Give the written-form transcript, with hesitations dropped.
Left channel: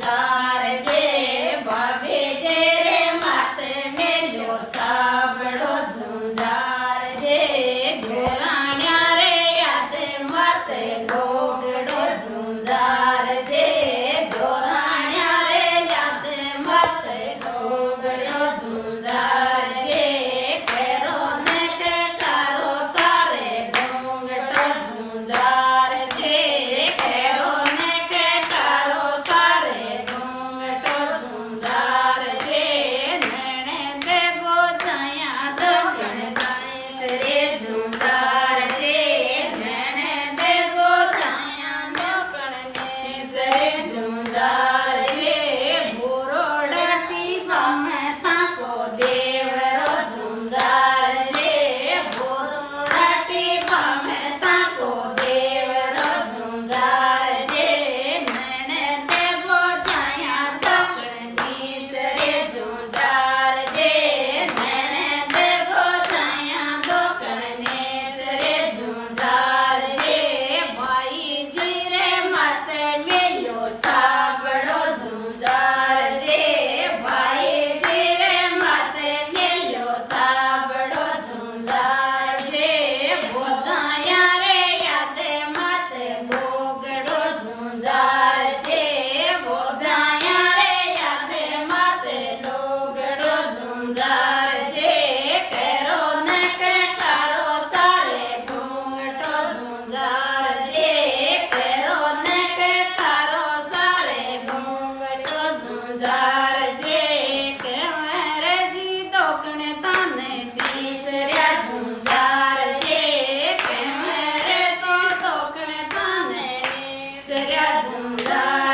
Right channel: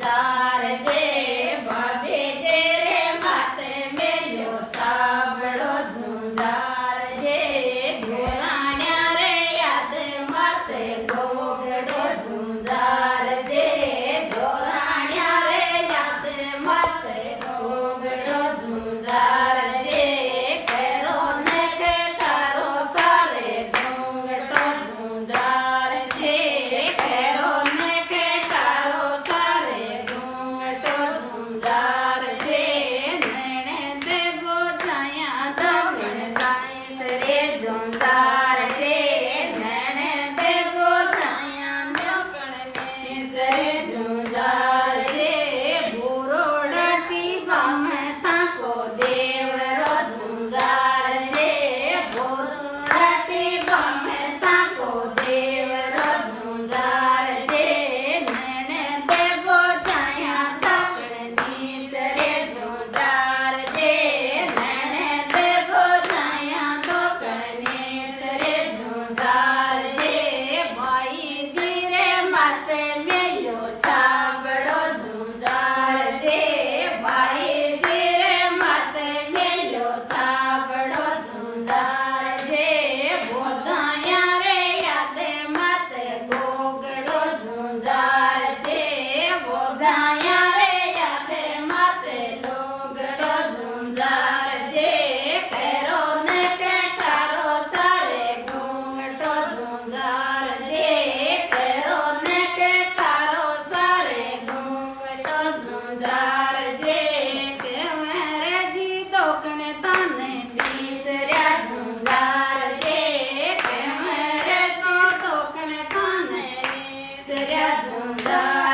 ઝુંઝાર જે ભાભે જે રે માતે મેલ્યો સાબડો ઝુંઝાર જે ધોરાણ્યા રે યાદ માતે ગોગડો ઝુંઝાર જે ધોરાણ્યા રે યાદ માતે ગોગડો ઝુંઝાર જે કેરો ને કે કારો સારે ઘૂંઘટો ઝુંઝાર જે કેરો ને કે કારો સારે ઘૂંઘટો ઝુંઝાર જે નેણે દેવો જાયા દગણ ગાઈસ રે ઝુંઝાર જે નેણે દેવો જાયા દગણ ગાઈસ રે ઝુંઝાર જે ભૂરોડા ટીપામાં તાકો દેવરો ઝુંઝાર જે ભૂરોડા ટીપામાં તાકો દેવરો ઝુંઝાર જે નેણે દેવો જાયા દગણ ગાઈસ રે ઝુંઝાર જે નેણે દેવો જાયા દગણ ગાઈસ રે ઝુંઝાર જે ભાઈજી રે માતે મેલ્યો સાબડો ઝુંઝાર જે ભાઈજી રે માતે મેલ્યો સાબડો ઝુંઝાર જે બોધાયા રે યાદે માતે ગોગડો ઝુંઝાર જે બોધાયા રે યાદે માતે ગોગડો ઝુંઝાર જે કેરો ને કે કારો સારે ઘૂંઘટો ઝુંઝાર જે કેરો ને કે કારો સારે ઘૂંઘટો ઝુંઝાર જે કેવરે જી તોકને તને તીસર્યા ઝુંઝાર જે કેવરે તો તોકને તને તીસર્યા ઝુંઝાર